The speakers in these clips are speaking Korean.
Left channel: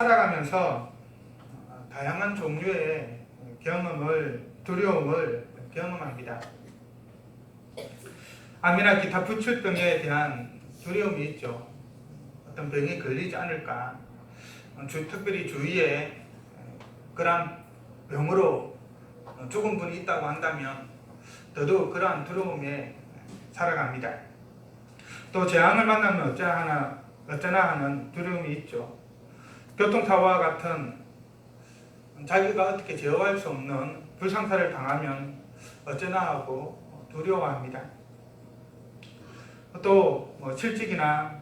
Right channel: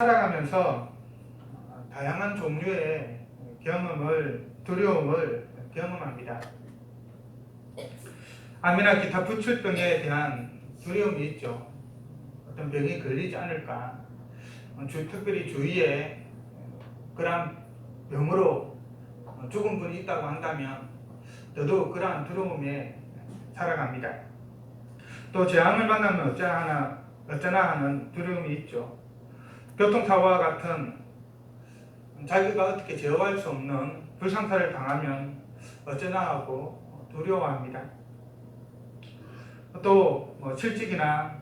살아가면서 다양한 종류의 두려움을 경험합니다. 암이나 기타 부출병에 대한 두려움이 있죠. 어떤 병이 걸리지 않을까, 특별히 주위에 그러한 병으로 죽은 분이 있다고 한다면 더더욱 그러한 두려움에 살아갑니다. 또 재앙을 만나면 어쩌나 하는 두려움이 있죠. 교통사고와 같은 자기가 어떻게 제어할 수 없는 불상사를 당하면 어쩌나 하고 두려워합니다. 또 실직이나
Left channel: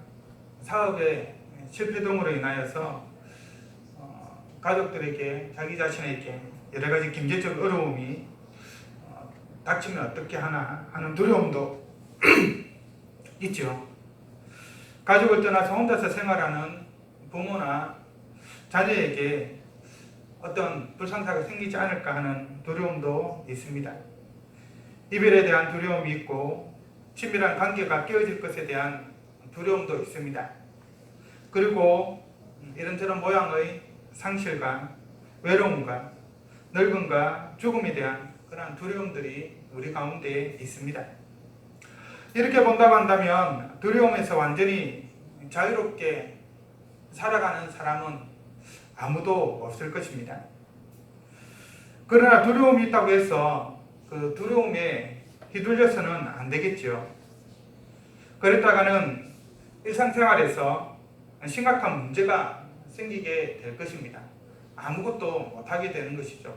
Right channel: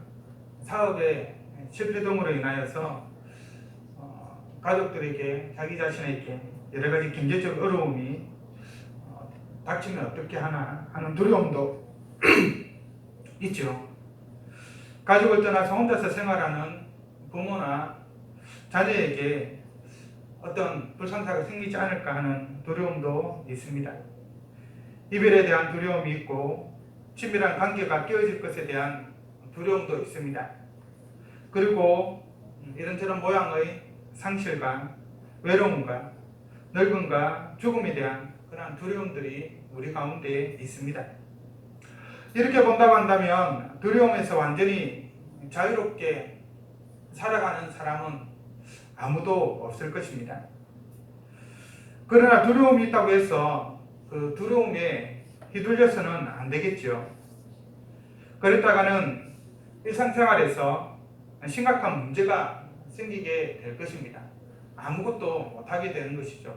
사업의 실패 등으로 인하여서 가족들에게, 자기 자신에게 여러 가지 경제적 어려움이 닥치면 어떻게 하나 하는 두려움도 있죠. 가족을 떠나서 혼자서 생활하는 부모나 자녀에게 어떤 불상사가 생기지 않을까 하는 두려움도 있습니다. 이별에 대한 두려움이 있고 친밀한 관계가 깨어질 것에 대한 두려움도 있습니다. 그리고 이런저런 모양의 상실과 외로움과 늙음과 죽음에 대한 그러한 두려움들이 우리 가운데 있습니다. 이렇게 본다고 한다면 두려움에서 완전히 자유롭게 살아가는 사람은 아무도 없을 것입니다. 그러나 두려움이 있다고 해서 그 두려움에 휘둘려서는 안 되겠죠. 그랬다가는 일상생활에서 심각한 문제가 생기게 될 것입니다. 아무것도 못하게 되는 것이죠.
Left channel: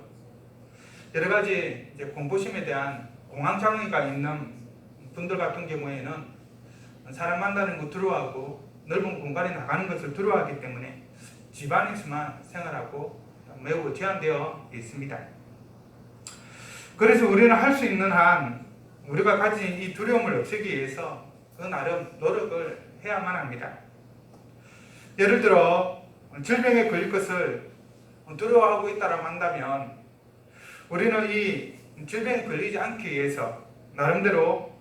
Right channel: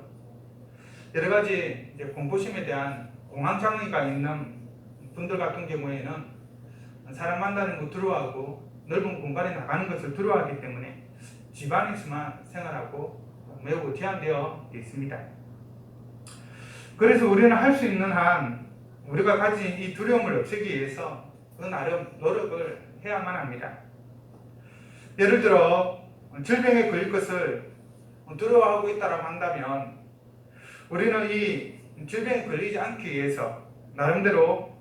여러 가지 공포심에 대한 공황장애가 있는 분들 같은 경우에는 사람 만나는 거 두려워하고 넓은 공간에 나가는 것을 두려워하기 때문에 집안에서만 생활하고 매우 제한되어 있습니다. 그래서 우리는 할 수 있는 한 우리가 가진 이 두려움을 없애기 위해서 그 나름 노력을 해야만 합니다. 예를 들어 질병에 걸릴 것을 두려워하고 있다고 한다면 우리는 이 질병에 걸리지 않기 위해서 나름대로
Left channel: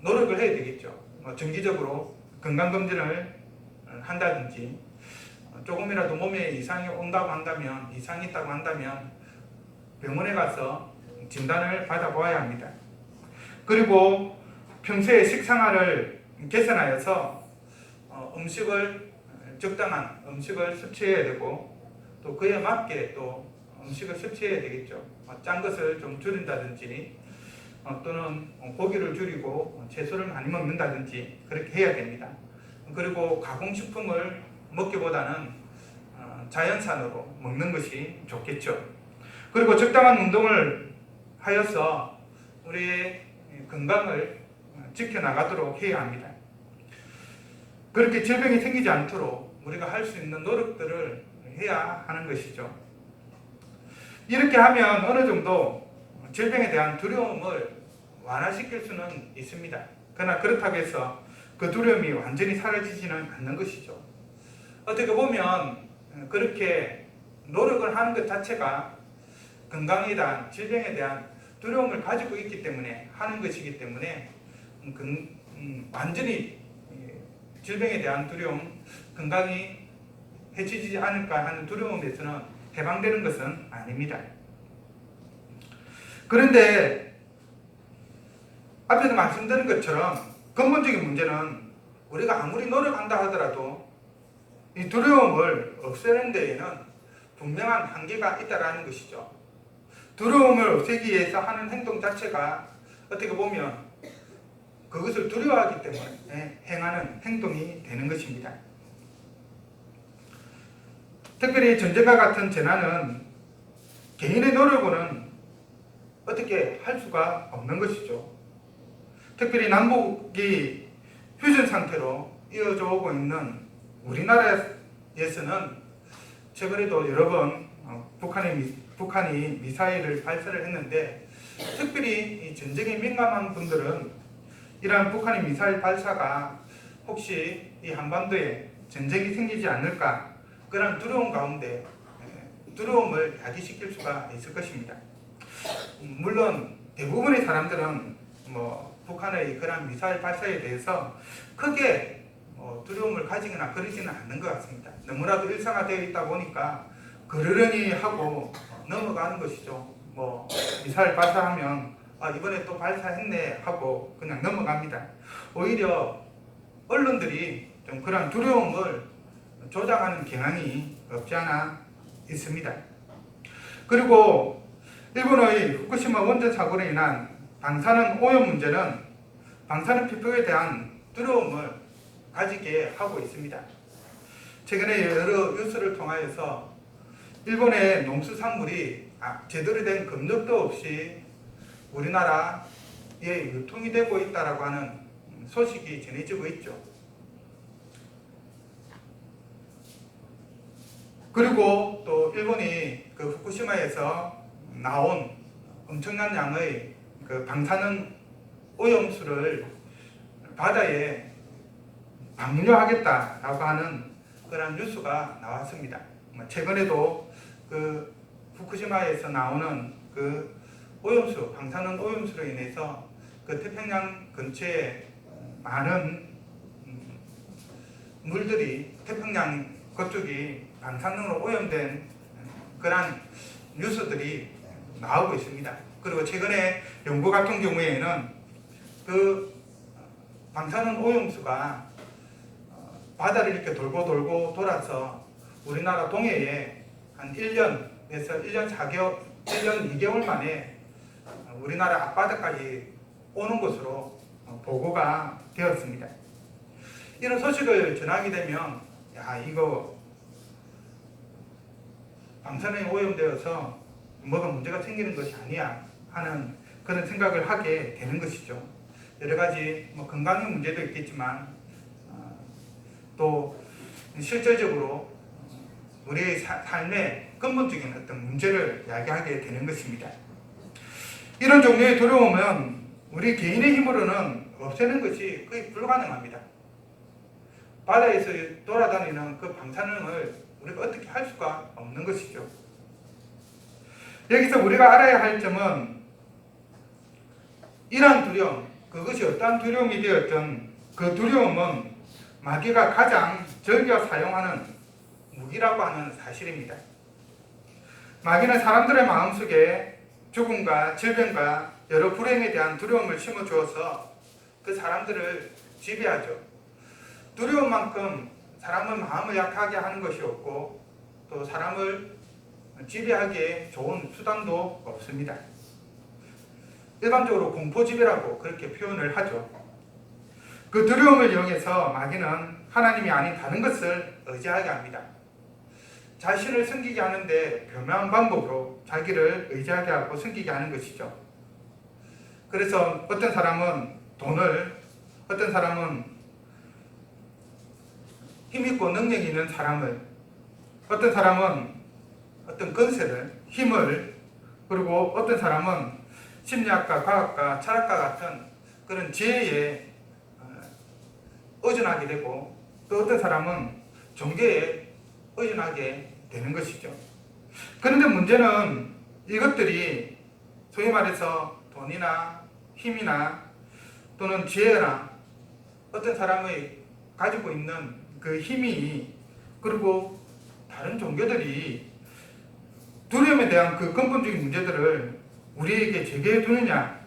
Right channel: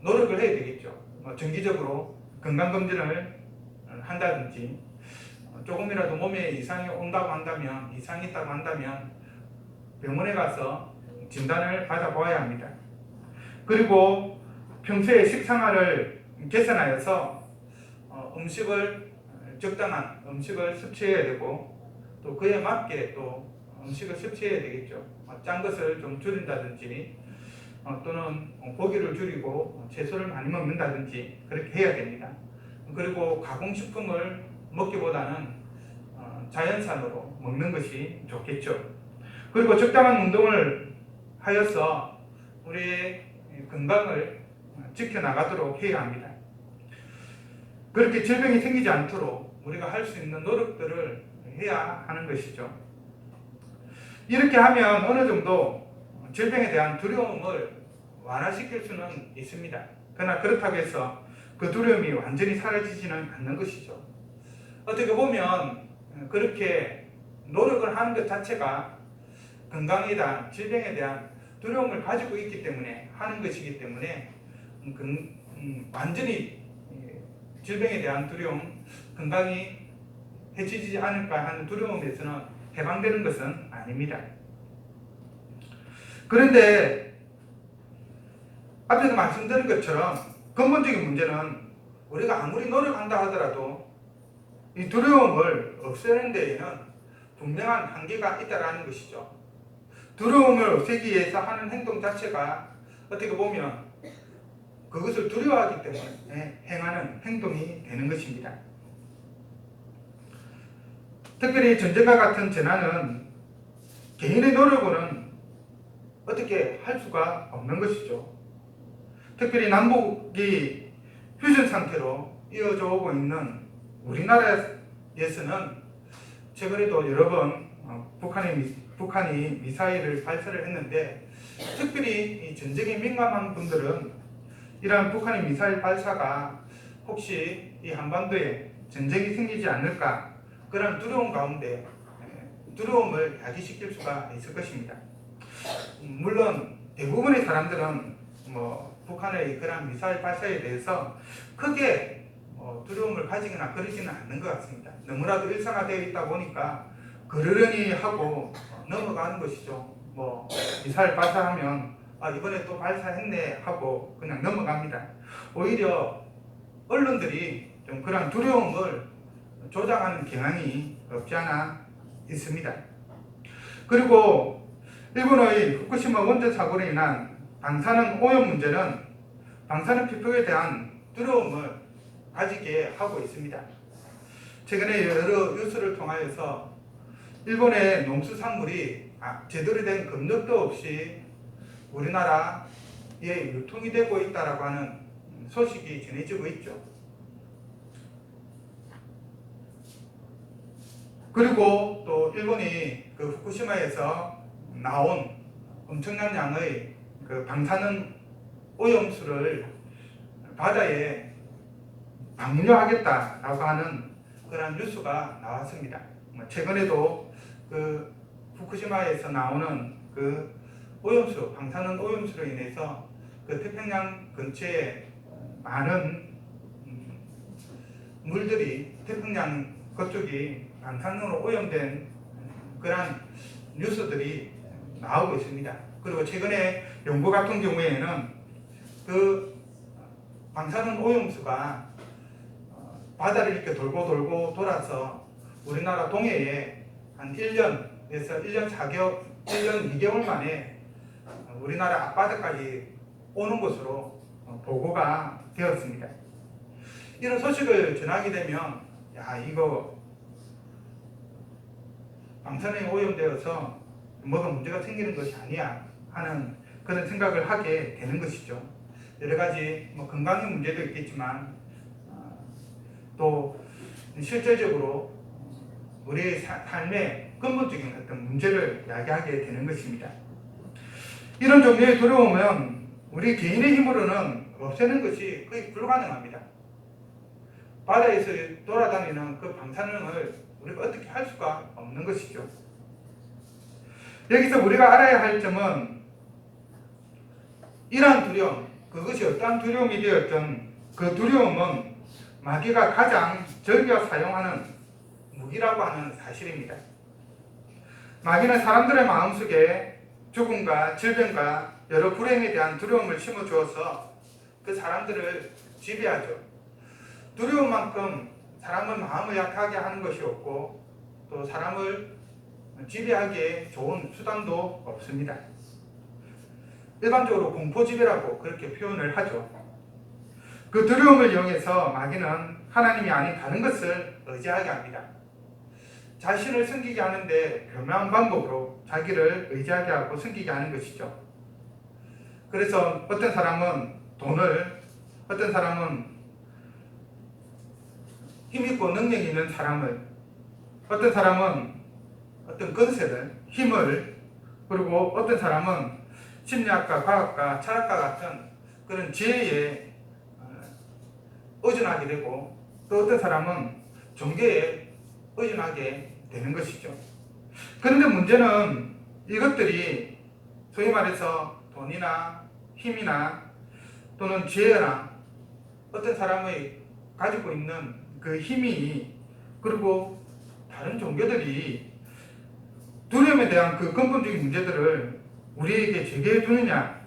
노력을 해야 되겠죠. 정기적으로 건강검진을 한다든지 조금이라도 몸에 이상이 이상이 있다고 한다면 병원에 가서 진단을 받아보아야 합니다. 그리고 평소에 식생활을 개선하여서 적당한 음식을 섭취해야 되고 또 그에 맞게 또 음식을 섭취해야 되겠죠. 짠 것을 좀 줄인다든지 또는 고기를 줄이고 채소를 많이 먹는다든지 그렇게 해야 됩니다. 그리고 가공식품을 먹기보다는 자연산으로 먹는 것이 좋겠죠. 그리고 적당한 운동을 하여서 우리의 건강을 지켜나가도록 해야 합니다. 그렇게 질병이 생기지 않도록 우리가 할 수 있는 노력들을 해야 하는 것이죠. 이렇게 하면 어느 정도 질병에 대한 두려움을 완화시킬 수는 있습니다. 그러나 그렇다고 해서 그 두려움이 완전히 사라지지는 않는 것이죠. 어떻게 보면 그렇게 노력을 하는 것 자체가 건강에 대한, 질병에 대한 두려움을 가지고 있기 때문에 하는 것이기 때문에 완전히 질병에 대한 두려움, 건강이 해치지 않을까 하는 두려움에서는 해방되는 것은 아닙니다. 그런데 앞에서 말씀드린 것처럼 근본적인 문제는 우리가 아무리 노력한다 하더라도 이 두려움을 없애는 데에는 분명한 한계가 있다는 것이죠. 두려움을 없애기 위해서 하는 행동 자체가 어떻게 보면 그것을 두려워하기 때문에 행하는 행동이 되는 것입니다. 특별히 전쟁과 같은 재난은 개인의 노력으로는 어떻게 할 수가 없는 것이죠. 특별히 남북이 휴전 상태로 이어져 오고 있는 우리나라에서는 최근에도 여러 번 북한이 미사일을 발사를 했는데 특별히 이 전쟁에 민감한 분들은 이러한 북한의 미사일 발사가 혹시 이 한반도에 전쟁이 생기지 않을까 그런 두려움 가운데 두려움을 야기시킬 수가 있을 것입니다. 물론 대부분의 사람들은 북한의 그런 미사일 발사에 대해서 크게 두려움을 가지거나 그러지는 않는 것 같습니다. 너무나도 일상화되어 있다 보니까 그러려니 하고 넘어가는 것이죠. 미사일 발사하면 이번에 또 발사했네 하고 그냥 넘어갑니다. 오히려 언론들이 좀 그런 두려움을 조장하는 경향이 없지 않아 있습니다. 그리고 일본의 후쿠시마 원전 사고로 인한 방사능 오염 문제는 방사능 피폭에 대한 두려움을 가지게 하고 있습니다. 최근에 여러 뉴스를 통하여서 일본의 농수산물이 제대로 된 검역도 없이 우리나라에 유통이 되고 있다고 하는 소식이 전해지고 있죠. 그리고 또 일본이 그 후쿠시마에서 나온 엄청난 양의 그 방사능 오염수를 바다에 방류하겠다라고 하는 그런 뉴스가 나왔습니다. 최근에도 그 후쿠시마에서 나오는 그 오염수, 방사능 오염수로 인해서 그 태평양 근처에 많은 물들이 태평양 그쪽이 방사능으로 오염된 그런 뉴스들이 나오고 있습니다. 그리고 최근에 연구 같은 경우에는 그 방사능 오염수가 바다를 이렇게 돌고 돌아서 우리나라 동해에 한 1년에서 1년 4개월, 1년 2개월 만에 우리나라 앞바다까지 오는 것으로 보고가 되었습니다. 이런 소식을 전하게 되면 이거 방사능에 오염되어서 뭐가 문제가 생기는 것이 아니야 하는 그런 생각을 하게 되는 것이죠. 여러 가지 건강의 문제도 있겠지만 또 실질적으로 우리의 삶의 근본적인 어떤 문제를 야기하게 되는 것입니다. 이런 종류의 두려움은 우리 개인의 힘으로는 없애는 것이 거의 불가능합니다. 바다에서 돌아다니는 그 방사능을 우리가 어떻게 할 수가 없는 것이죠. 여기서 우리가 알아야 할 점은 이러한 두려움, 그것이 어떠한 두려움이 되었든 그 두려움은 마귀가 가장 즐겨 사용하는 무기라고 하는 사실입니다. 마귀는 사람들의 마음속에 죽음과 질병과 여러 불행에 대한 두려움을 심어주어서 그 사람들을 지배하죠. 두려움만큼 사람은 마음을 약하게 하는 것이 없고 또 사람을 지배하기에 좋은 수단도 없습니다. 일반적으로 공포지배라고 그렇게 표현을 하죠. 그 두려움을 이용해서 마귀는 하나님이 아닌 다른 것을 의지하게 합니다. 자신을 섬기게 하는데 교묘한 방법으로 자기를 의지하게 하고 섬기게 하는 것이죠. 그래서 어떤 사람은 돈을, 어떤 사람은 힘있고 능력이 있는 사람을, 어떤 사람은 어떤 건세를, 힘을, 그리고 어떤 사람은 심리학과, 과학과, 철학과 같은 그런 지혜에 의존하게 되고 또 어떤 사람은 종교에 의존하게 되는 것이죠. 그런데 문제는 이것들이 소위 말해서 돈이나 힘이나 또는 지혜나 어떤 사람의 가지고 있는 그 힘이 그리고 다른 종교들이 두려움에 대한 그 근본적인 문제들을 우리에게 제기해 주느냐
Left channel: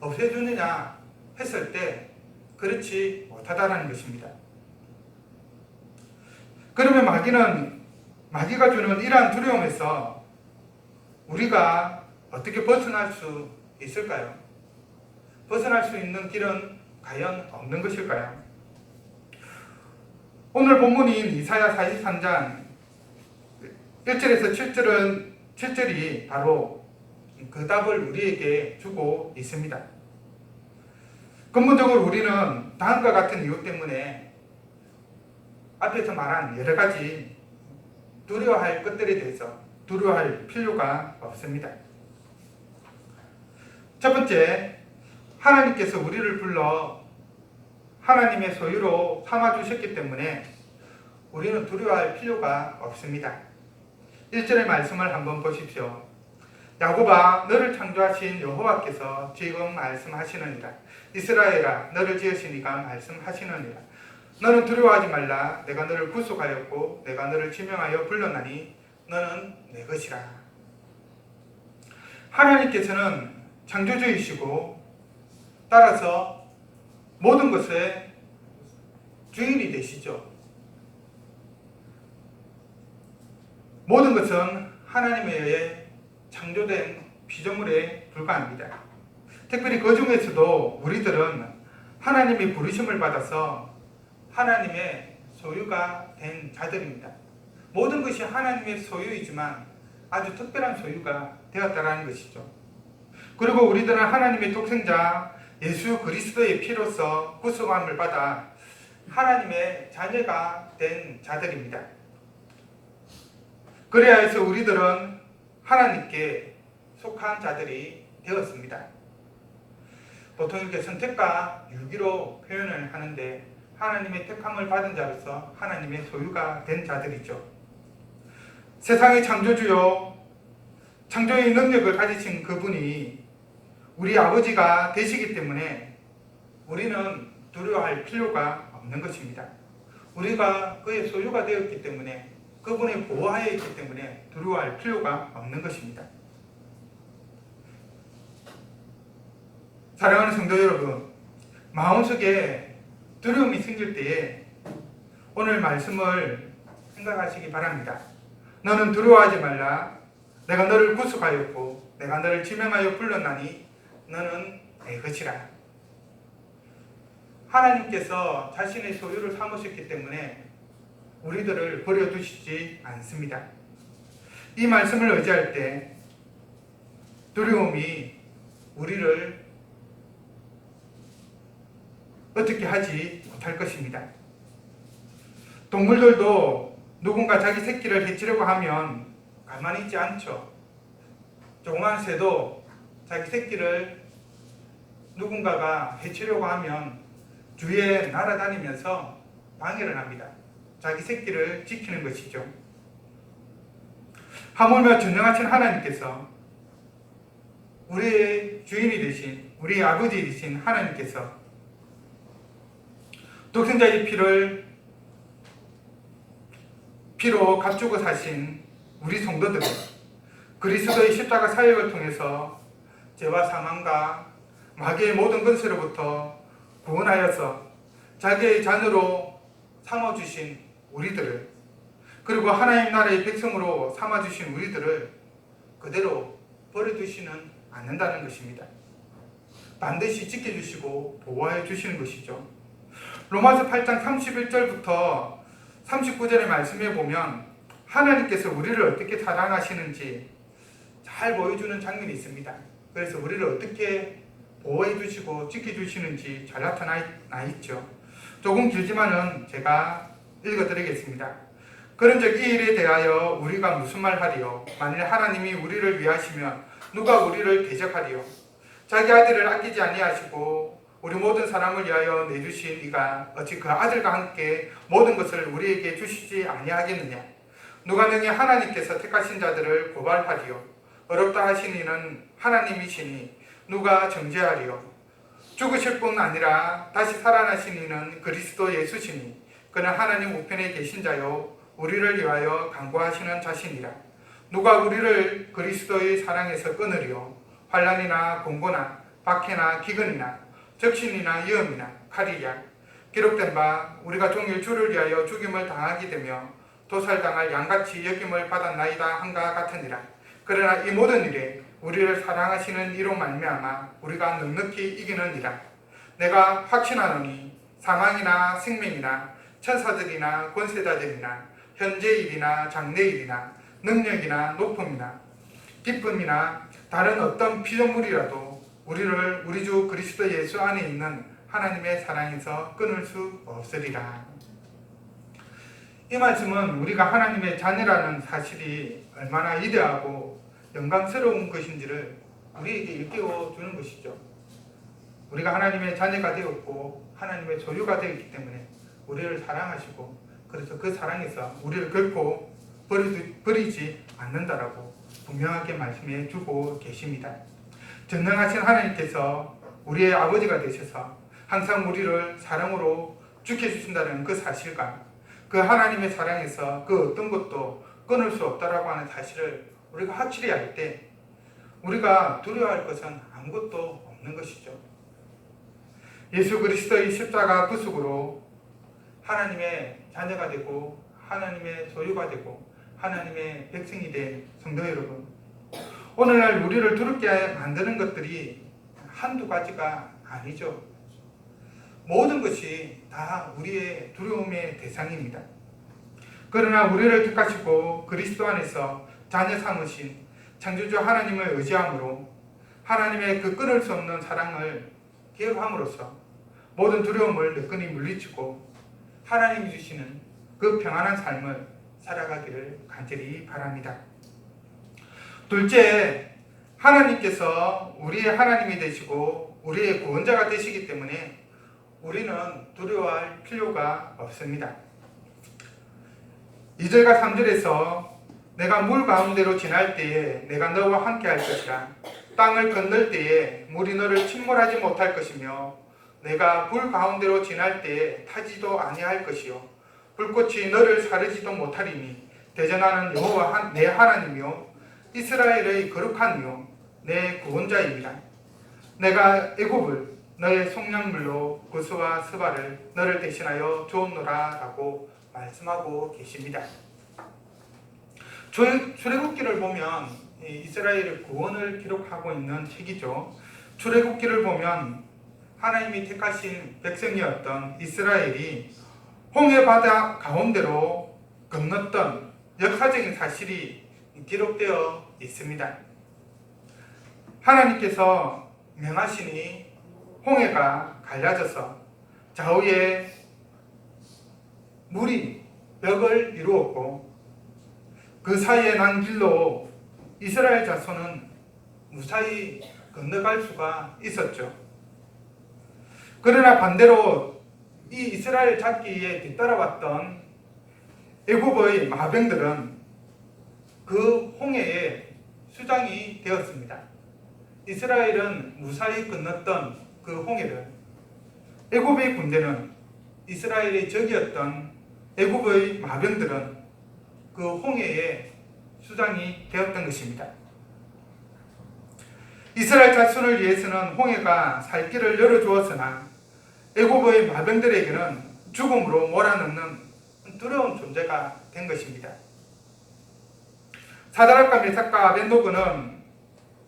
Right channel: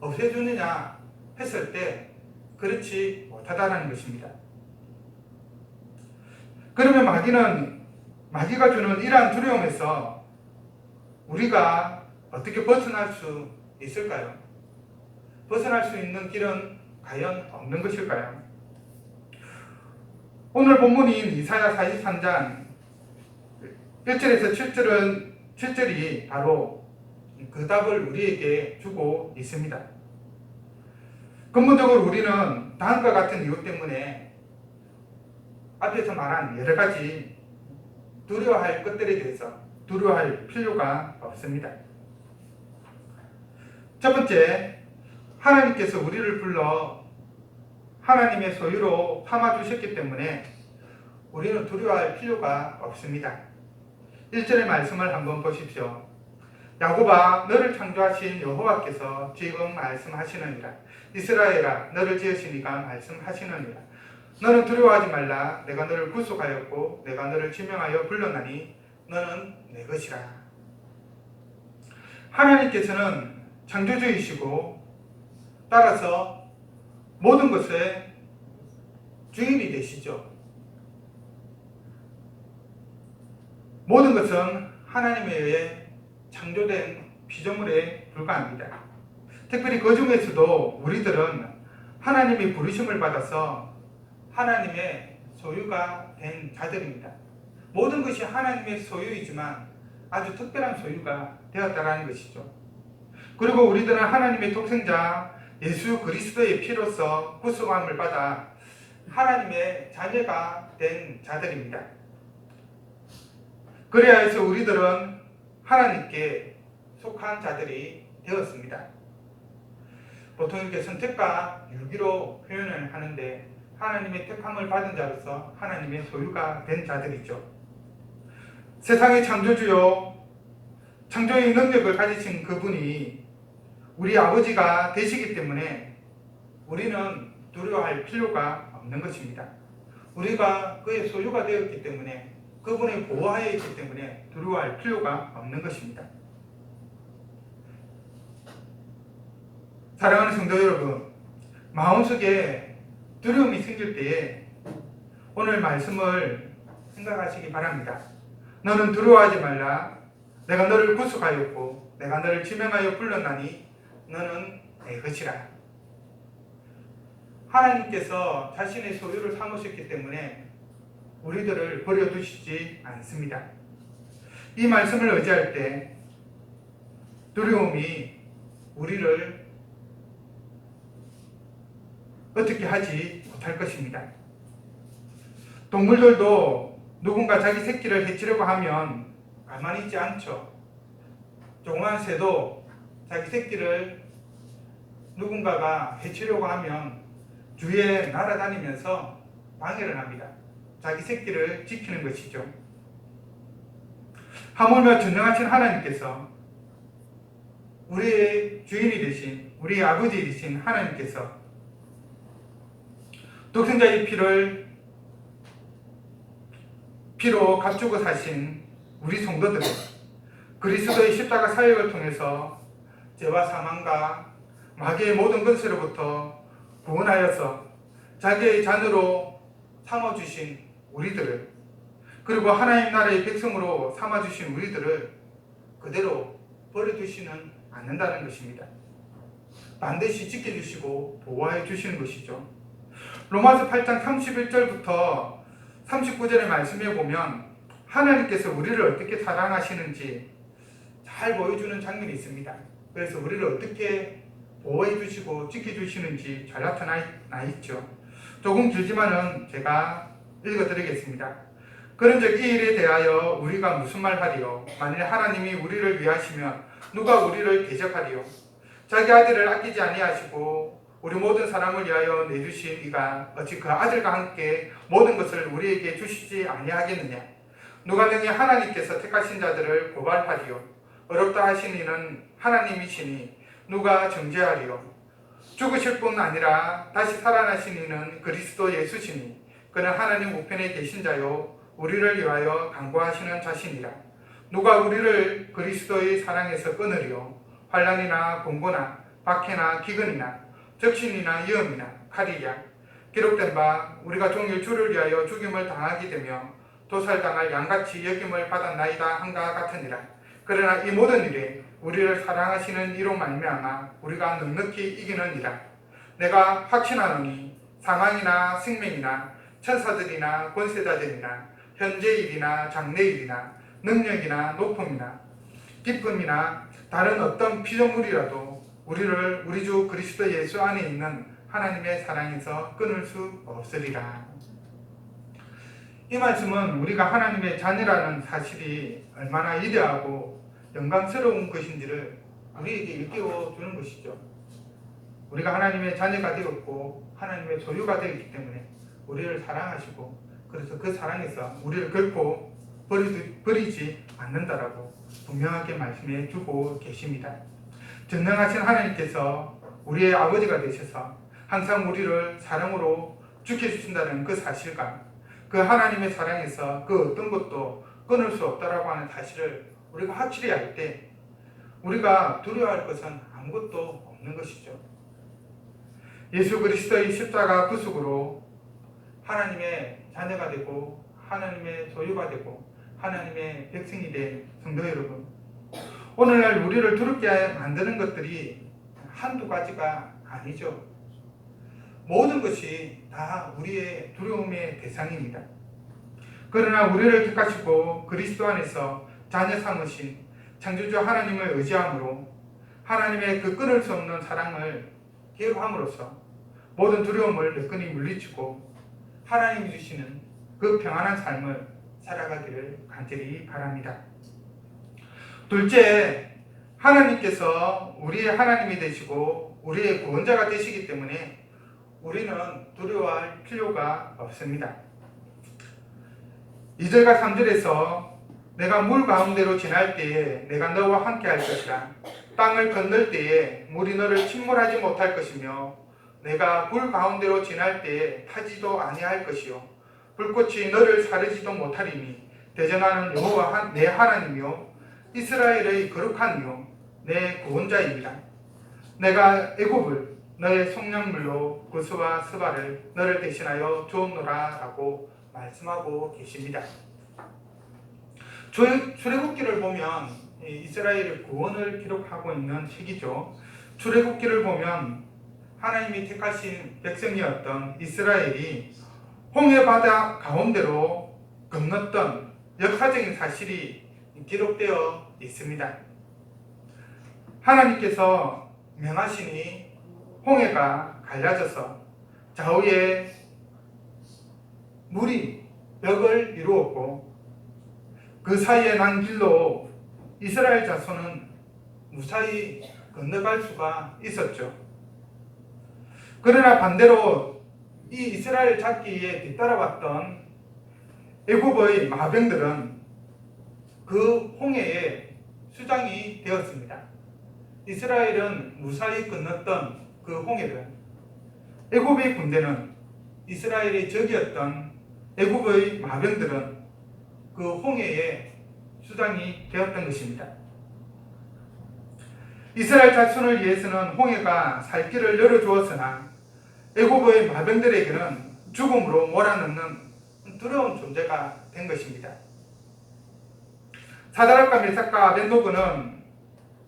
없애주느냐 했을 때 그렇지 못하다라는 것입니다. 그러면 마귀가 주는 이러한 두려움에서 우리가 어떻게 벗어날 수 있을까요? 벗어날 수 있는 길은 과연 없는 것일까요? 오늘 본문인 이사야 43장 1절에서 7절이 바로 그 답을 우리에게 주고 있습니다. 근본적으로 우리는 다음과 같은 이유 때문에 앞에서 말한 여러 가지 두려워할 것들에 대해서 두려워할 필요가 없습니다. 첫 번째, 하나님께서 우리를 불러 하나님의 소유로 삼아주셨기 때문에 우리는 두려워할 필요가 없습니다. 1절의 말씀을 한번 보십시오. 야곱아, 너를 창조하신 여호와께서 지금 말씀하시느니라. 이스라엘아, 너를 지으신 이가 말씀하시느니라. 너는 두려워하지 말라. 내가 너를 구속하였고 내가 너를 지명하여 불렀나니 너는 내 것이라. 하나님께서는 창조주이시고 따라서 모든 것의 주인이 되시죠. 모든 것은 하나님에 의해 창조된 피조물에 불과합니다. 특별히 그 중에서도 우리들은 하나님의 부르심을 받아서 하나님의 소유가 된 자들입니다. 모든 것이 하나님의 소유이지만 아주 특별한 소유가 되었다는 것이죠. 그리고 우리들은 하나님의 독생자 예수 그리스도의 피로서 구속함을 받아 하나님의 자녀가 된 자들입니다. 그래야 해서 우리들은 하나님께 속한 자들이 되었습니다. 보통 이렇게 선택과 유기로 표현을 하는데 하나님의 택함을 받은 자로서 하나님의 소유가 된 자들이죠. 세상의 창조주요 창조의 능력을 가지신 그분이 우리 아버지가 되시기 때문에 우리는 두려워할 필요가 없는 것입니다. 우리가 그의 소유가 되었기 때문에 그분의 보호하에 있기 때문에 두려워할 필요가 없는 것입니다. 사랑하는 성도 여러분, 마음속에 두려움이 생길 때에 오늘 말씀을 생각하시기 바랍니다. 너는 두려워하지 말라. 내가 너를 구속하였고 내가 너를 지명하여 불렀나니 너는 내 것이라. 하나님께서 자신의 소유를 삼으셨기 때문에 우리들을 버려두시지 않습니다. 이 말씀을 의지할 때 두려움이 우리를 어떻게 하지 못할 것입니다. 동물들도 누군가 자기 새끼를 해치려고 하면 가만히 있지 않죠. 조그만 새도 자기 새끼를 누군가가 해치려고 하면 주위에 날아다니면서 방해를 합니다. 자기 새끼를 지키는 것이죠. 하물며 전능하신 하나님께서 우리의 주인이 되신 우리의 아버지 되신 하나님께서 독생자의 피로 값주고 사신 우리 성도들은 그리스도의 십자가 사역을 통해서 죄와 사망과 마귀의 모든 권세로부터 구원하여서 자기의 자녀로 삼아주신 우리들을, 그리고 하나님 나라의 백성으로 삼아주신 우리들을 그대로 버려두시는 않는다는 것입니다. 반드시 지켜주시고 보호해 주시는 것이죠. 로마서 8장 31절부터 39절의 말씀에 보면 하나님께서 우리를 어떻게 사랑하시는지 잘 보여주는 장면이 있습니다. 그래서 우리를 어떻게 보호해 주시고 지켜주시는지 잘 나타나 있죠. 조금 길지만은 제가 읽어드리겠습니다. 그런즉 이 일에 대하여 우리가 무슨 말하리요? 만일 하나님이 우리를 위하시면 누가 우리를 대적하리요? 자기 아들을 아끼지 아니하시고 우리 모든 사람을 위하여 내주신 이가 어찌 그 아들과 함께 모든 것을 우리에게 주시지 아니하겠느냐? 누가 능히 하나님께서 택하신 자들을 고발하리요? 어렵다 하신 이는 하나님이시니 누가 정죄하리요? 죽으실 뿐 아니라 다시 살아나신 이는 그리스도 예수시니 그는 하나님 우편에 계신 자요 우리를 위하여 간구하시는 자신이라. 누가 우리를 그리스도의 사랑에서 끊으리요? 환난이나 공고나 박해나 기근이나 적신이나 위험이나 칼이랴. 기록된 바 우리가 종일 주를 위하여 죽임을 당하게 되며 도살당할 양같이 여김을 받았나이다 한가 같으니라. 그러나 이 모든 일에 우리를 사랑하시는 이로 말미암아 우리가 넉넉히 이기느니라. 내가 확신하노니 사망이나 생명이나 천사들이나 권세자들이나 현재일이나 장래일이나 능력이나 높음이나 기쁨이나 다른 어떤 피조물이라도 우리를 우리 주 그리스도 예수 안에 있는 하나님의 사랑에서 끊을 수 없으리라. 이 말씀은 우리가 하나님의 자녀라는 사실이 얼마나 위대하고 영광스러운 것인지를 우리에게 일깨워 주는 것이죠. 우리가 하나님의 자녀가 되었고 하나님의 소유가 되었기 때문에 우리를 사랑하시고 그래서 그 사랑에서 우리를 결코 버리지 않는다라고 분명하게 말씀해 주고 계십니다. 전능하신 하나님께서 우리의 아버지가 되셔서 항상 우리를 사랑으로 지켜주신다는 그 사실과 그 하나님의 사랑에서 그 어떤 것도 끊을 수 없다라고 하는 사실을 우리가 확실히 알 때 우리가 두려워할 것은 아무것도 없는 것이죠. 예수 그리스도의 십자가 구속으로 하나님의 자녀가 되고 하나님의 소유가 되고 하나님의 백성이 된 성도 여러분, 오늘날 우리를 두렵게 만드는 것들이 한두 가지가 아니죠. 모든 것이 다 우리의 두려움의 대상입니다. 그러나 우리를 택하시고 그리스도 안에서 자녀 삼으신 창조주 하나님을 의지함으로 하나님의 그 끊을 수 없는 사랑을 기억함으로써 모든 두려움을 매끈히 물리치고 하나님이 주시는 그 평안한 삶을 살아가기를 간절히 바랍니다. 둘째, 하나님께서 우리의 하나님이 되시고 우리의 구원자가 되시기 때문에 우리는 두려워할 필요가 없습니다. 2절과 3절에서 내가 물 가운데로 지날 때에 내가 너와 함께 할 것이라. 땅을 건널 때에 물이 너를 침몰하지 못할 것이며 내가 불 가운데로 지날 때에 타지도 아니할 것이요 불꽃이 너를 사르지도 못하리니 대전하는 여호와 내 하나님이요 이스라엘의 거룩한 이요 내 구원자입니다. 내가 애굽을 너의 속량물로 구스와 스바를 너를 대신하여 주었노라 라고 말씀하고 계십니다. 출애굽기를 보면 이스라엘의 구원을 기록하고 있는 책이죠. 출애굽기를 보면 하나님이 택하신 백성이었던 이스라엘이 홍해 바다 가운데로 건넜던 역사적인 사실이 기록되어 있습니다. 하나님께서 명하시니 홍해가 갈라져서 좌우에 물이 벽을 이루었고 그 사이에 난 길로 이스라엘 자손은 무사히 건너갈 수가 있었죠. 그러나 반대로 이 이스라엘 잡기에 뒤따라왔던 애굽의 마병들은 그 홍해에 수장이 되었습니다. 이스라엘은 무사히 건넜던 그 홍해를 애굽의 군대는 이스라엘의 적이었던 애굽의 마병들은 그 홍해에 수장이 되었던 것입니다. 이스라엘 자손을 위해서는 홍해가 살 길을 열어주었으나 애굽의 마병들에게는 죽음으로 몰아넣는 두려운 존재가 된 것입니다. 사드락과 메삭과 아벤노고는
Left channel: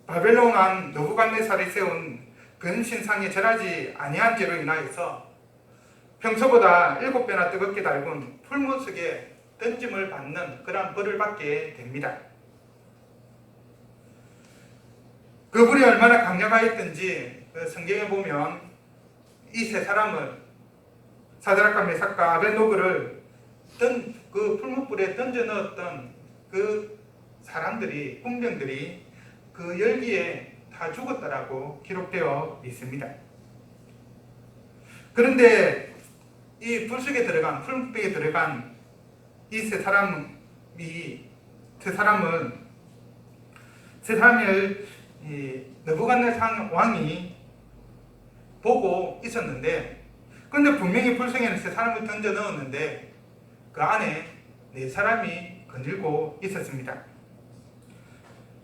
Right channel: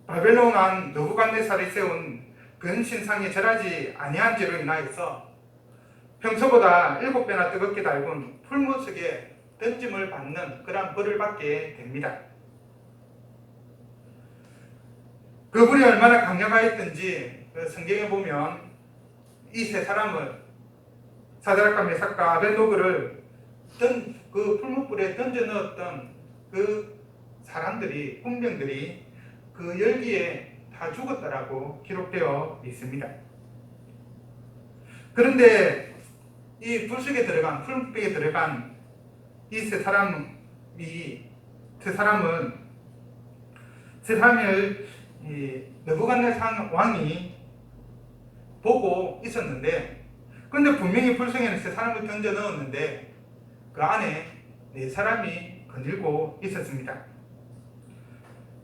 바벨론 왕 느부갓네살이 세운 근신상에 절하지 아니한 죄로 인하여서 평소보다 7배나 뜨겁게 달군 풀무 속에 던짐을 받는 그러한 벌을 받게 됩니다. 그 불이 얼마나 강력하였던지 성경에 보면 이 세 사람을 사드락과 메삭과 아벤노고를 그 풀무불에 던져 넣었던 그 사람들이 군병들이 그 열기에 다 죽었다라고 기록되어 있습니다. 그런데 이 불속에 들어간 풀무불에 들어간 이 세 사람을 느부갓네살 왕이 보고 있었는데, 그런데 분명히 불성에는 세 사람을 던져 넣었는데 그 안에 네 사람이 거닐고 있었습니다.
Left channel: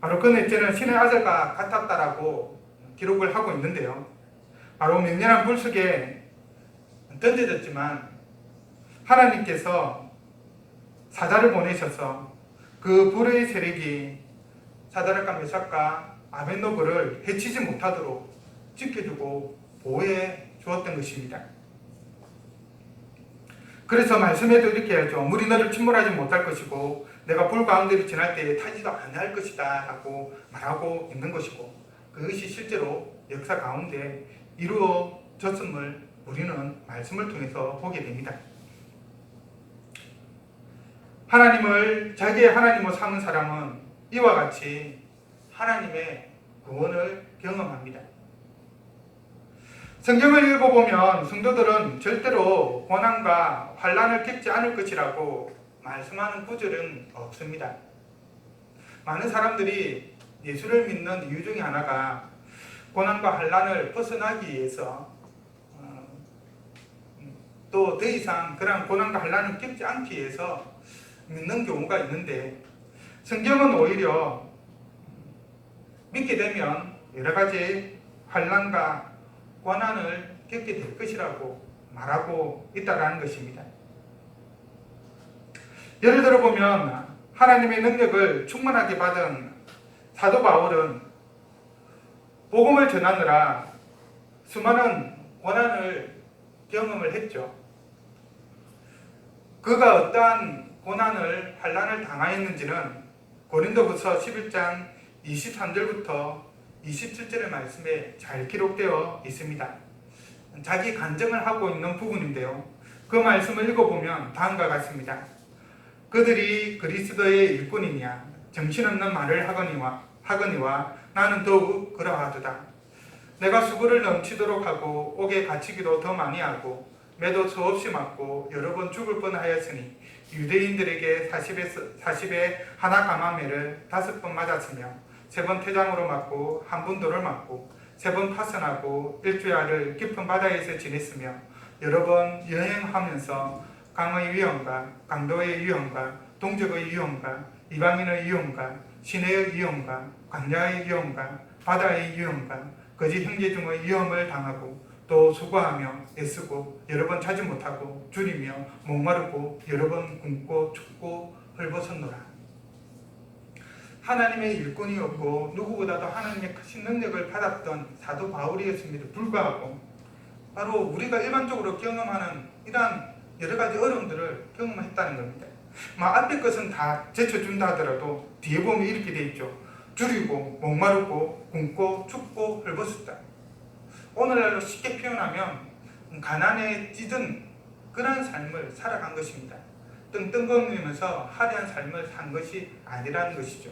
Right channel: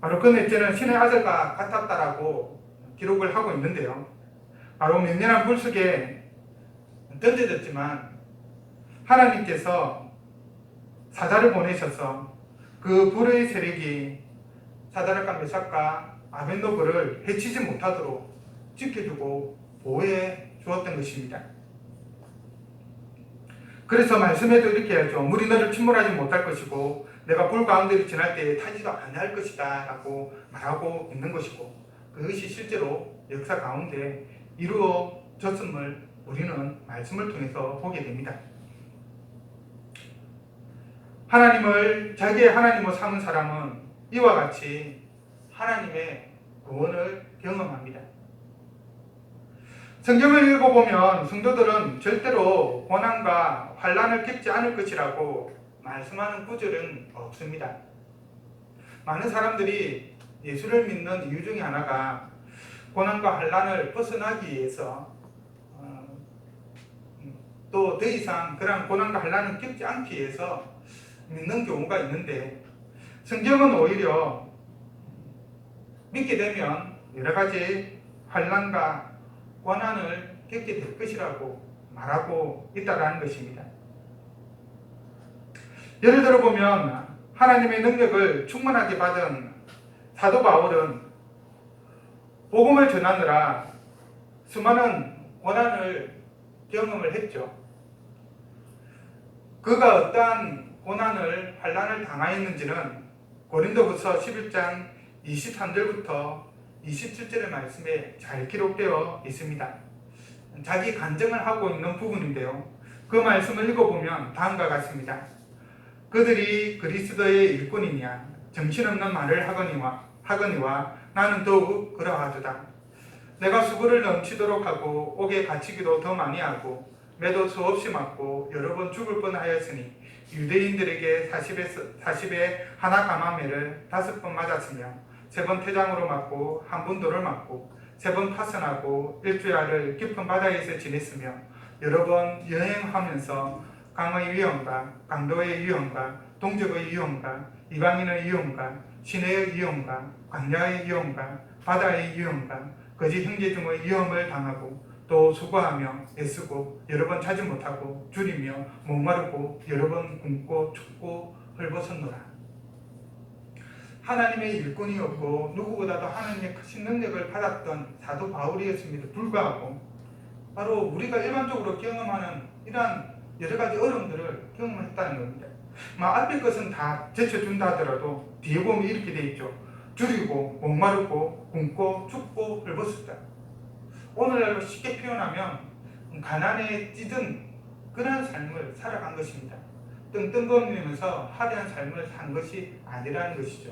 바로 그 넷째는 신의 아들과 같았다라고 기록을 하고 있는데요. 바로 맹렬한 불 속에 던져졌지만 하나님께서 사자를 보내셔서 그 불의 세력이 사드락과 메삭과 아벤노고를 해치지 못하도록 지켜주고 보호해 주었던 것입니다. 그래서 말씀해도 이렇게 하죠. 물이 너를 침몰하지 못할 것이고 내가 불 가운데를 지날 때에 타지도 아니할 것이다 라고 말하고 있는 것이고, 그것이 실제로 역사 가운데 이루어졌음을 우리는 말씀을 통해서 보게 됩니다. 하나님을 자기의 하나님으로 삼은 사람은 이와 같이 하나님의 구원을 경험합니다. 성경을 읽어보면 성도들은 절대로 고난과 환난을 겪지 않을 것이라고 말씀하는 구절은 없습니다. 많은 사람들이 예수를 믿는 이유 중에 하나가 고난과 환난을 벗어나기 위해서 또 더 이상 그러한 고난과 환난을 겪지 않기 위해서 믿는 경우가 있는데, 성경은 오히려 믿게 되면 여러 가지 환난과 고난을 겪게 될 것이라고 말하고 있다는 것입니다. 예를 들어 보면 하나님의 능력을 충만하게 받은 사도 바울은 복음을 전하느라 수많은 고난을 경험을 했죠. 그가 어떠한 고난을 환난을 당하였는지는 고린도후서 11장 23절부터 27절의 말씀에 잘 기록되어 있습니다. 자기 간증을 하고 있는 부분인데요. 그 말씀을 읽어보면 다음과 같습니다. 그들이 그리스도의 일꾼이냐 정신없는 말을 하거니와 나는 더욱 그러하도다. 내가 수고를 넘치도록 하고 옥에 갇히기도 더 많이 하고 매도 수없이 맞고 여러 번 죽을 뻔하였으니 유대인들에게 40에 하나 감함매를 5번 맞았으며 3번 퇴장으로 맞고 1번 돌을 맞고 3번 파선하고 일주일을 깊은 바다에서 지냈으며 여러 번 여행하면서 강의 위험과 강도의 위험과 동족의 위험과 이방인의 위험과 시내의 위험과 광야의 위험과 바다의 위험과 거짓 형제 중의 위험을 당하고 또 수고하며 애쓰고 여러 번 자지 못하고 줄이며 목마르고 여러 번 굶고 춥고 헐벗었노라. 하나님의 일꾼이었고 누구보다도 하나님의 크신 능력을 받았던 사도 바울이었음에도 불구하고 바로 우리가 일반적으로 경험하는 이러한 여러 가지 어려움들을 경험했다는 겁니다. 앞에 것은 다 제쳐준다 하더라도 뒤에 보면 이렇게 돼 있죠. 줄이고 목마르고 굶고 춥고 헐벗었다. 오늘날로 쉽게 표현하면 가난에 찌든 그런 삶을 살아간 것입니다. 뜬뜬거리면서 화려한 삶을 산 것이 아니라는 것이죠.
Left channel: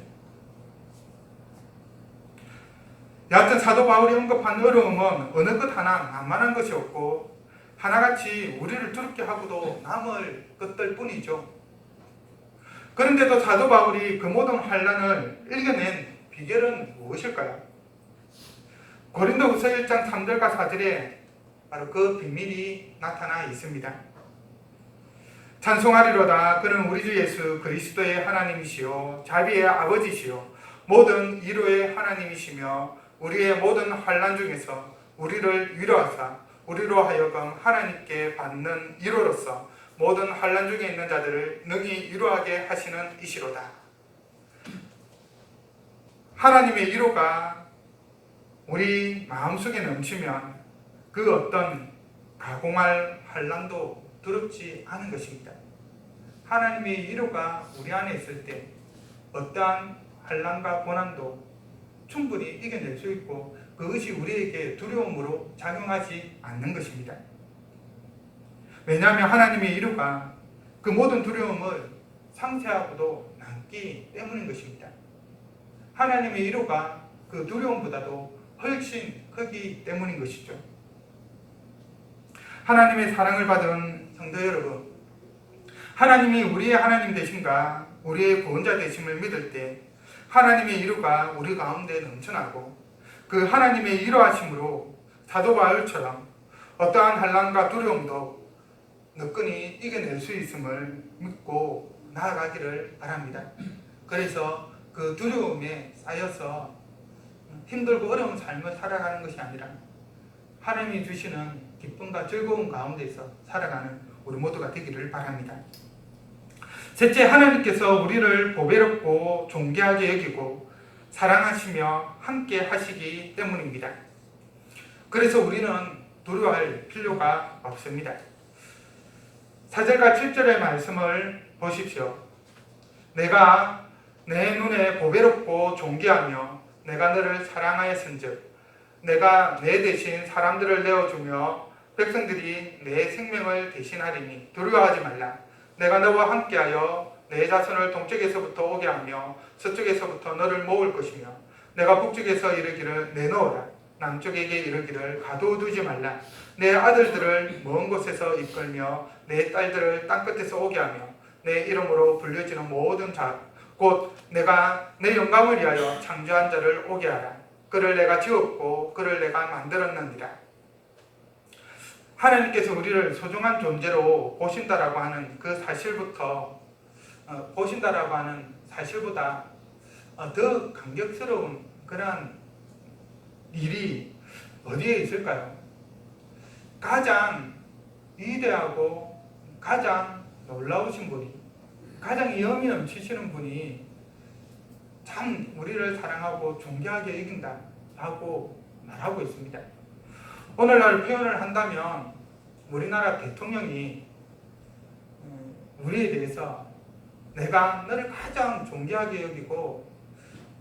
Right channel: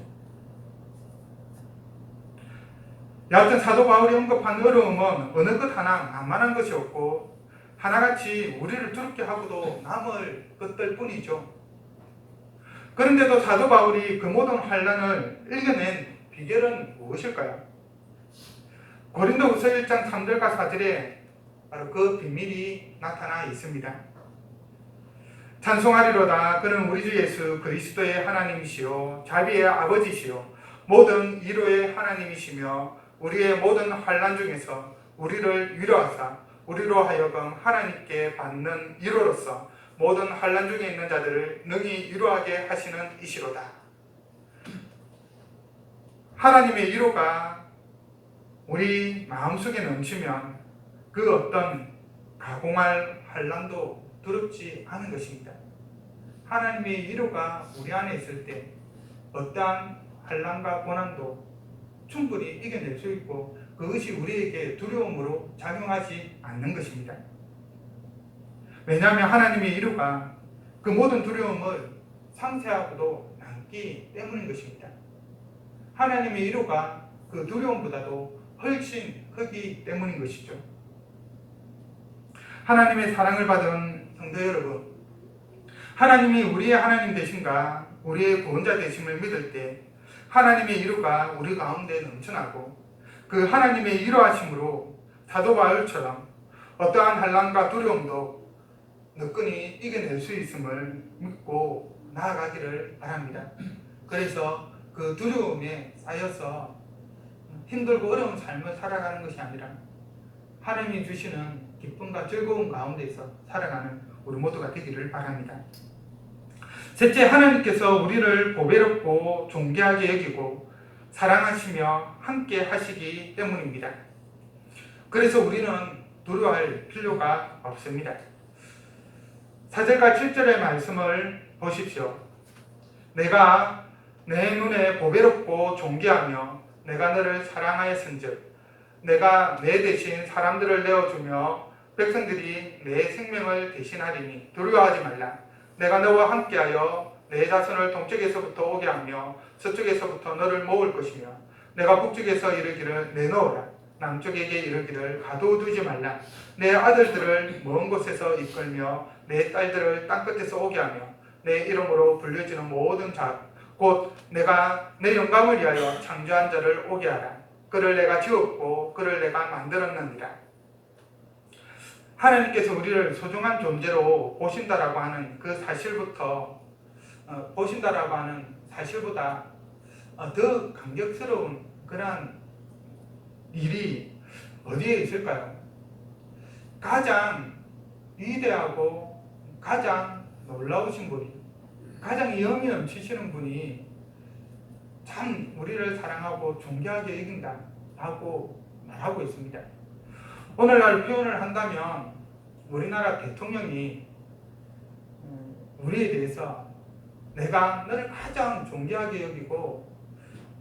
여하튼 사도 바울이 언급한 어려움은 어느 것 하나 만만한 것이 없고 하나같이 우리를 두렵게 하고도 남을 것들 뿐이죠. 그런데도 사도 바울이 그 모든 환난을 이겨낸 비결은 무엇일까요? 고린도후서 1장 3절과 4절에 바로 그 비밀이 나타나 있습니다. 찬송하리로다. 그는 우리 주 예수 그리스도의 하나님이시요 자비의 아버지시요 모든 위로의 하나님이시며 우리의 모든 환난 중에서 우리를 위로하사 우리로 하여금 하나님께 받는 위로로서 모든 환난 중에 있는 자들을 능히 위로하게 하시는 이시로다. 하나님의 위로가 우리 마음속에 넘치면 그 어떤 가공할 환난도 두렵지 않은 것입니다. 하나님의 위로가 우리 안에 있을 때 어떠한 환난과 고난도 충분히 이겨낼 수 있고 그것이 우리에게 두려움으로 작용하지 않는 것입니다. 왜냐하면 하나님의 위로가 그 모든 두려움을 상쇄하고도 남기 때문인 것입니다. 하나님의 위로가 그 두려움보다도 훨씬 크기 때문인 것이죠. 하나님의 사랑을 받은 성도 여러분, 하나님이 우리의 하나님 되신가 우리의 구원자 되심을 믿을 때 하나님의 위로가 우리 가운데 넘쳐나고 그 하나님의 위로하심으로 사도 바울처럼 어떠한 환난과 두려움도 너끈히 이겨낼 수 있음을 믿고 나아가기를 바랍니다. 그래서 그 두려움에 쌓여서 힘들고 어려운 삶을 살아가는 것이 아니라 하나님이 주시는 기쁨과 즐거움 가운데서 살아가는 우리 모두가 되기를 바랍니다. 셋째, 하나님께서 우리를 보배롭고 존귀하게 여기고 사랑하시며 함께 하시기 때문입니다. 그래서 우리는 두려워할 필요가 없습니다. 4절과 7절의 말씀을 보십시오. 내가 내 눈에 보배롭고 존귀하며 내가 너를 사랑하였은즉 내가 내 대신 사람들을 내어주며 백성들이 내 생명을 대신하리니 두려워하지 말라. 내가 너와 함께하여 내 자손을 동쪽에서부터 오게 하며 서쪽에서부터 너를 모을 것이며 내가 북쪽에서 이르기를 내놓으라. 남쪽에게 이르기를 가두어두지 말라. 내 아들들을 먼 곳에서 이끌며 내 딸들을 땅끝에서 오게 하며 내 이름으로 불려지는 모든 자 곧 내가 내 영광을 위하여 창조한 자를 오게 하라. 그를 내가 지었고 그를 내가 만들었느니라. 하나님께서 우리를 소중한 존재로 보신다라고 하는 그 사실부터 보신다라고 하는 사실보다 더 감격스러운 그러한 일이 어디에 있을까요? 가장 위대하고 가장 놀라우신 분이, 가장 영이 넘치시는 분이 참 우리를 사랑하고 존경하게 여긴다라고 말하고 있습니다. 오늘날 표현을 한다면 우리나라 대통령이 우리에 대해서 내가 너를 가장 존경하게 여기고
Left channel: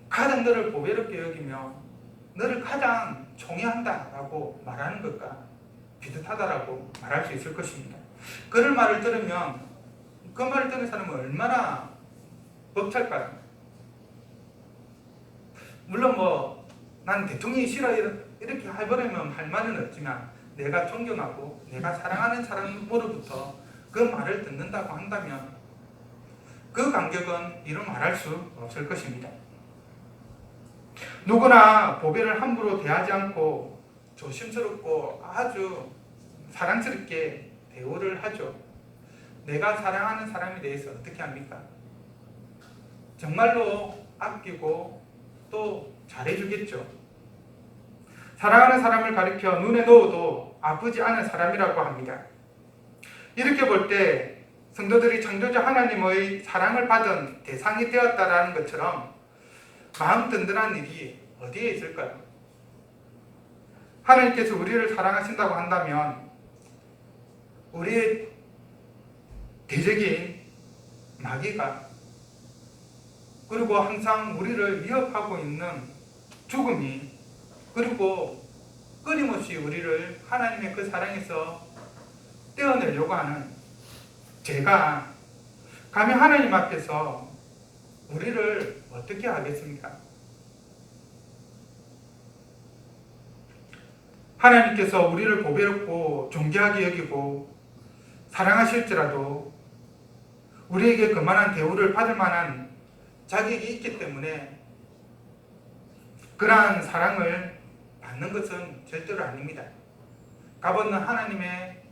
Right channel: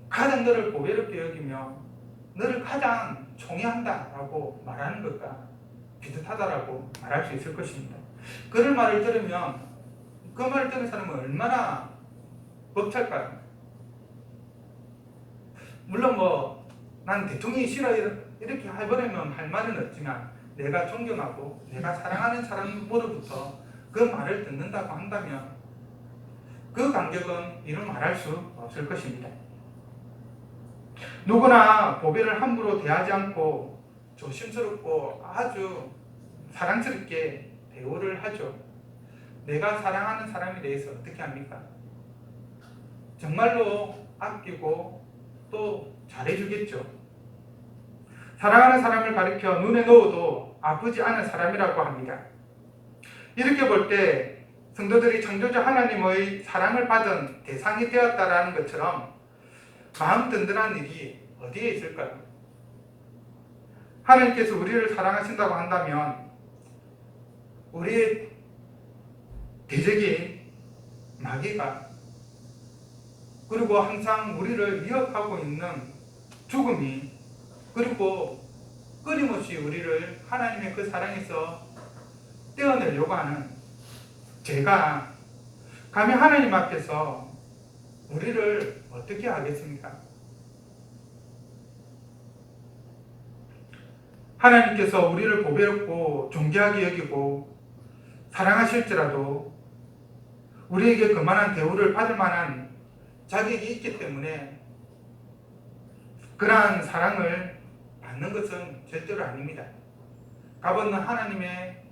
가장 너를 보배롭게 여기며 너를 가장 존경한다라고 말하는 것과 비슷하다라고 말할 수 있을 것입니다. 그런 말을 들으면 그 말을 듣는 사람은 얼마나 벅찰까요? 물론 난 대통령이 싫어 이렇게 해버리면 할 말은 없지만 내가 존경하고 내가 사랑하는 사람으로부터 그 말을 듣는다고 한다면 그 감격은 이루 말할 수 없을 것입니다. 누구나 보배를 함부로 대하지 않고 조심스럽고 아주 사랑스럽게 대우를 하죠. 내가 사랑하는 사람에 대해서 어떻게 합니까? 정말로 아끼고 또 잘해주겠죠. 사랑하는 사람을 가리켜 눈에 넣어도 아프지 않은 사람이라고 합니다. 이렇게 볼 때 성도들이 창조주 하나님의 사랑을 받은 대상이 되었다라는 것처럼 마음 든든한 일이 어디에 있을까요? 하나님께서 우리를 사랑하신다고 한다면 우리의 대적인 마귀가 그리고 항상 우리를 위협하고 있는 죽음이 그리고 끊임없이 우리를 하나님의 그 사랑에서 떼어내려고 하는 죄가 감히 하나님 앞에서 우리를 어떻게 하겠습니까? 하나님께서 우리를 보배롭고 존귀하게 여기고 사랑하실지라도 우리에게 그만한 대우를 받을 만한 자격이 있기 때문에 그러한 사랑을 받는 것은 절대로 아닙니다. 값없는 하나님의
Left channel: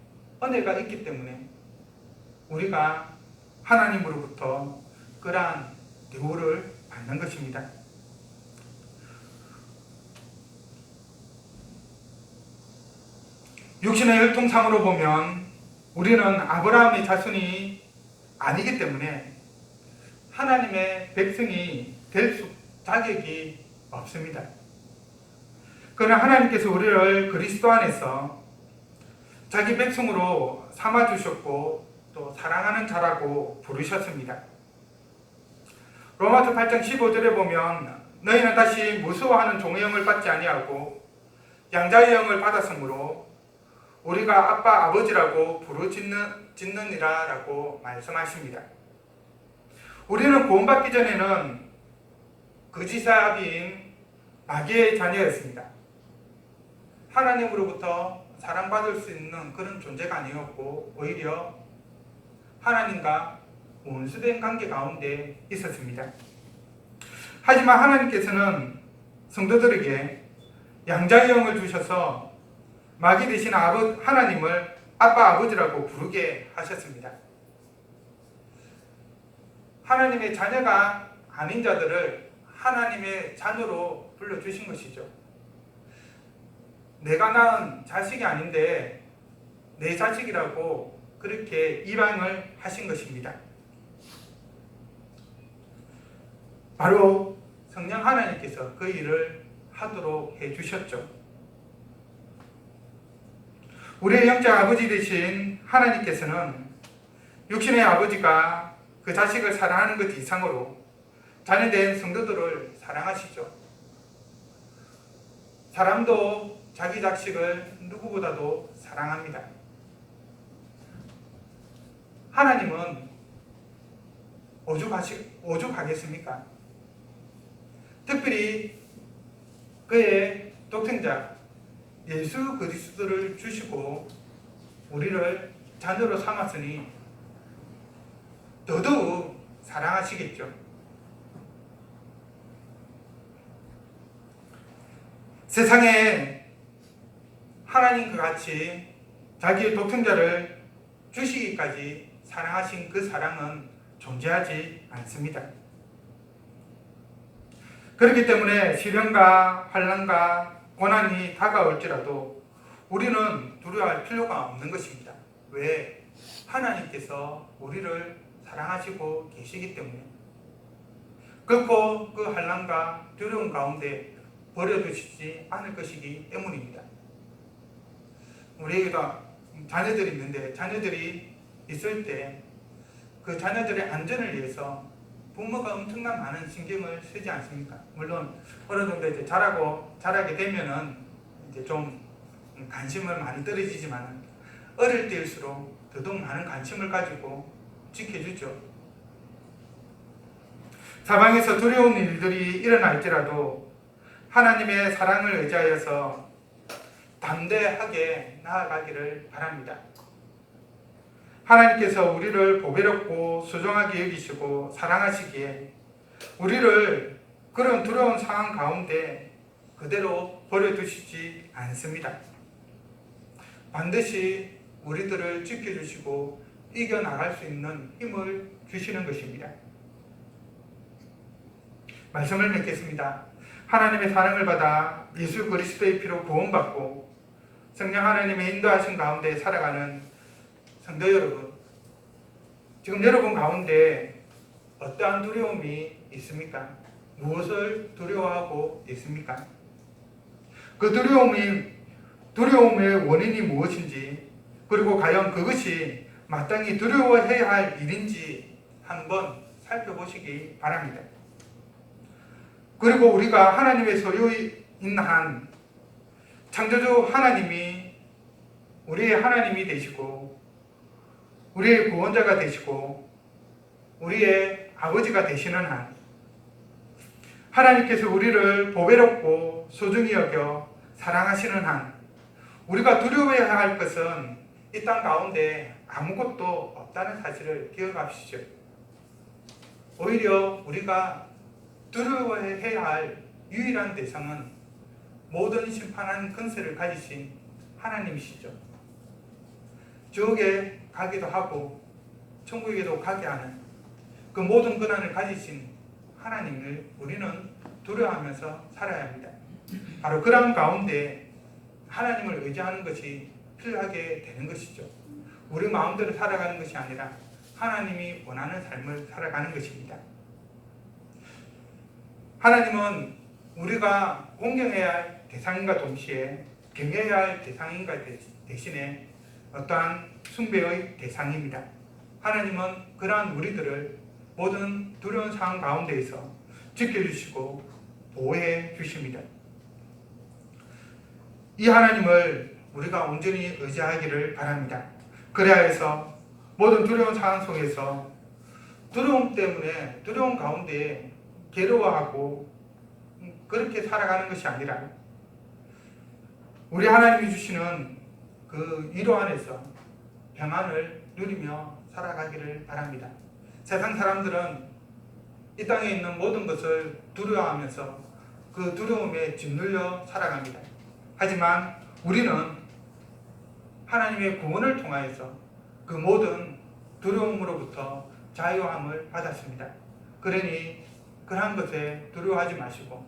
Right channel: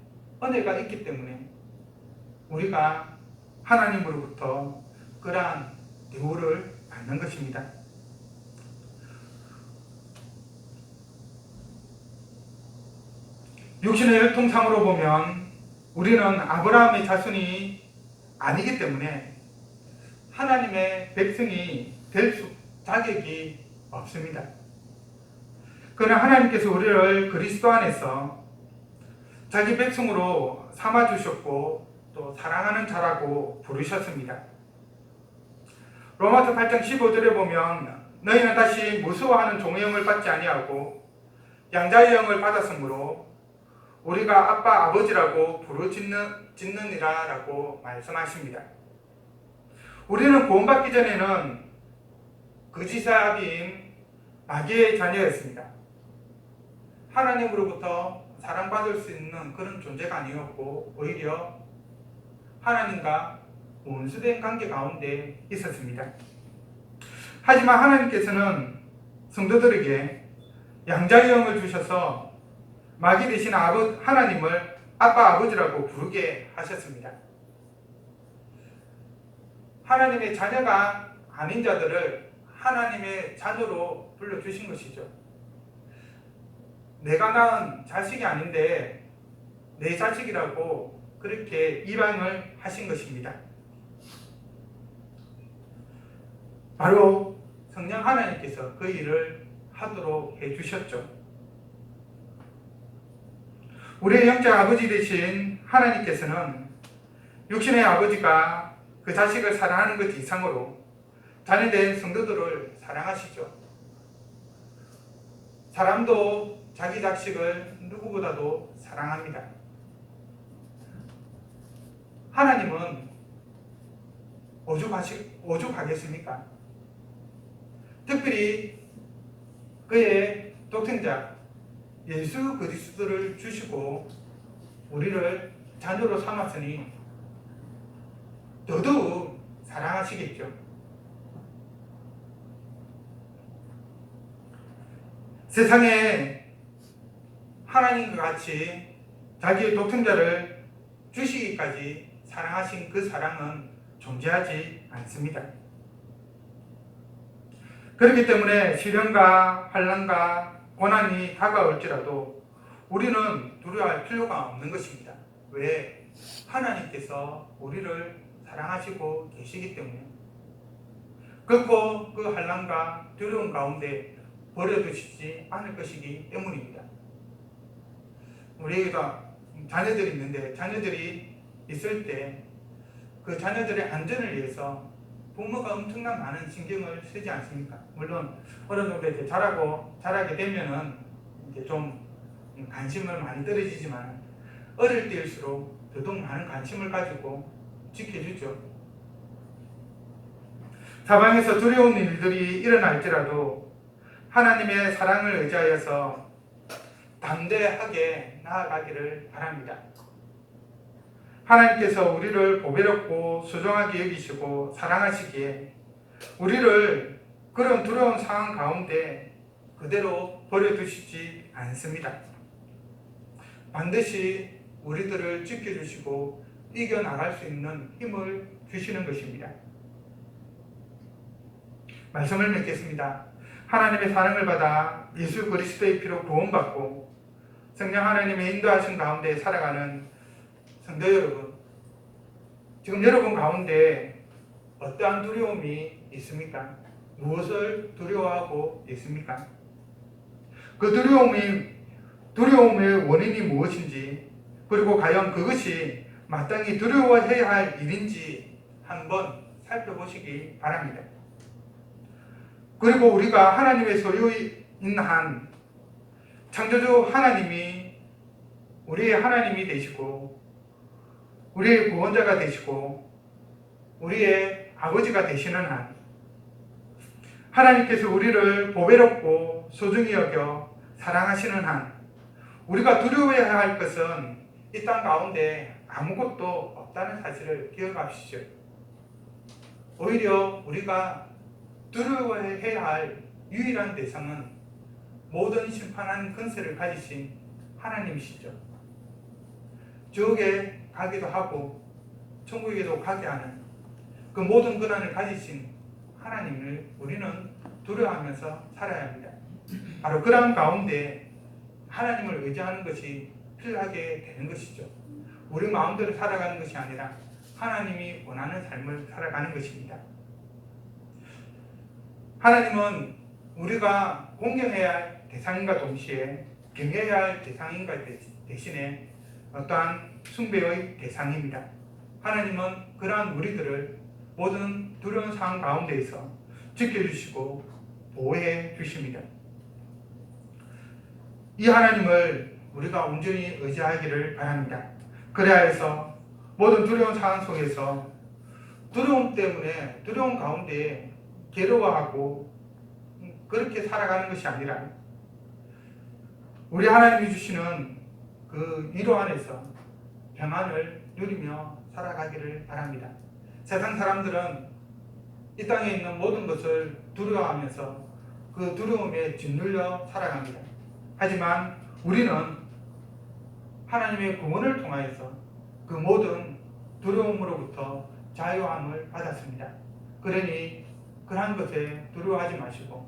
은혜가 있기 때문에 우리가 하나님으로부터 그러한 대우를 받는 것입니다. 육신의 혈통상으로 보면 우리는 아브라함의 자손이 아니기 때문에 하나님의 백성이 될 자격이 없습니다. 그러나 하나님께서 우리를 그리스도 안에서 자기 백성으로 삼아주셨고 또 사랑하는 자라고 부르셨습니다. 로마서 8장 15절에 보면 너희는 다시 무수하는 종의 영을 받지 아니하고 양자의 영을 받았으므로 우리가 아빠 아버지라고 부르짖느니라 라고 말씀하십니다. 우리는 구원받기 전에는 거짓의 아비인 마귀의 자녀였습니다. 하나님으로부터 사랑받을 수 있는 그런 존재가 아니었고 오히려 하나님과 원수된 관계 가운데 있었습니다. 하지만 하나님께서는 성도들에게 양자의 영을 주셔서 마귀 되신 하나님을 아빠 아버지라고 부르게 하셨습니다. 하나님의 자녀가 아닌 자들을 하나님의 자녀로 불러주신 것이죠. 내가 낳은 자식이 아닌데 내 자식이라고 그렇게 입양을 하신 것입니다. 바로 성령 하나님께서 그 일을 하도록 해주셨죠. 우리의 영적 아버지 되신 하나님께서는 육신의 아버지가 그 자식을 사랑하는 것 이상으로 자녀된 성도들을 사랑하시죠. 사람도 자기 자식을 누구보다도 사랑합니다. 하나님은 오죽하겠습니까? 특별히 그의 독생자 예수 그리스도를 주시고 우리를 자녀로 삼았으니 더더욱 사랑하시겠죠. 세상에 하나님과 같이 자기의 독생자를 주시기까지 사랑하신 그 사랑은 존재하지 않습니다. 그렇기 때문에 시련과 환난과 고난이 다가올지라도 우리는 두려워할 필요가 없는 것입니다. 왜? 하나님께서 우리를 사랑하시고 계시기 때문에. 결코 그 환난과 두려움 가운데 버려두시지 않을 것이기 때문입니다. 우리에게도 자녀들이 있는데 자녀들이 있을 때 그 자녀들의 안전을 위해서 부모가 엄청난 많은 신경을 쓰지 않습니까? 물론 어느 정도 이제 자라게 되면은 이제 좀 관심을 많이 떨어지지만 어릴 때일수록 더더욱 많은 관심을 가지고 지켜주죠. 사방에서 두려운 일들이 일어날지라도 하나님의 사랑을 의지하여서 담대하게 나아가기를 바랍니다. 하나님께서 우리를 보배롭고 소중하게 여기시고 사랑하시기에 우리를 그런 두려운 상황 가운데 그대로 버려두시지 않습니다. 반드시 우리들을 지켜주시고 이겨나갈 수 있는 힘을 주시는 것입니다. 말씀을 맺겠습니다. 하나님의 사랑을 받아 예수 그리스도의 피로 구원받고 성령 하나님의 인도하신 가운데 살아가는 성도 여러분, 지금 여러분 가운데 어떠한 두려움이 있습니까? 무엇을 두려워하고 있습니까? 그 두려움의 원인이 무엇인지, 그리고 과연 그것이 마땅히 두려워해야 할 일인지 한번 살펴보시기 바랍니다. 그리고 우리가 하나님의 소유인 한 창조주 하나님이 우리의 하나님이 되시고 우리의 구원자가 되시고 우리의 아버지가 되시는 한 하나님께서 우리를 보배롭고 소중히 여겨 사랑하시는 한 우리가 두려워해야 할 것은 이 땅 가운데 아무것도 없다는 사실을 기억하십시오. 오히려 우리가 두려워해야 할 유일한 대상은 모든 심판한 권세를 가지신 하나님이시죠. 지옥에 가기도 하고 천국에도 가게 하는 그 모든 권한을 가지신 하나님을 우리는 두려워하면서 살아야 합니다. 바로 그런 가운데 하나님을 의지하는 것이 필요하게 되는 것이죠. 우리 마음대로 살아가는 것이 아니라 하나님이 원하는 삶을 살아가는 것입니다. 하나님은 우리가 공경해야 할 대상인과 동시에 경외해야 할 대상인과 대신에 어떠한 숭배의 대상입니다. 하나님은 그러한 우리들을 모든 두려운 상황 가운데에서 지켜주시고 보호해 주십니다. 이 하나님을 우리가 온전히 의지하기를 바랍니다. 그래야 해서 모든 두려운 상황 속에서 두려움 때문에 두려움 가운데 괴로워하고 그렇게 살아가는 것이 아니라 우리 하나님이 주시는 그 위로 안에서 평안을 누리며 살아가기를 바랍니다. 세상 사람들은 이 땅에 있는 모든 것을 두려워하면서 그 두려움에 짓눌려 살아갑니다. 하지만 우리는 하나님의 구원을 통하여서 그 모든 두려움으로부터 자유함을 받았습니다. 그러니 그러한 것에 두려워하지 마시고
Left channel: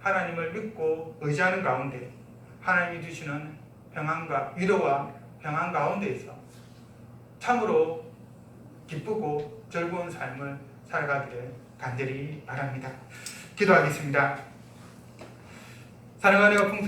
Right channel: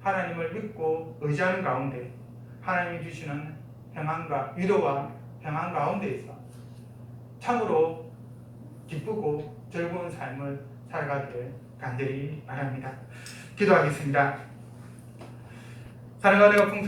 하나님을 믿고 의지하는 가운데 하나님이 주시는 평안과 위로와 평안 가운데에서 참으로 기쁘고 즐거운 삶을 살아가기를 간절히 바랍니다. 기도하겠습니다. 사랑하는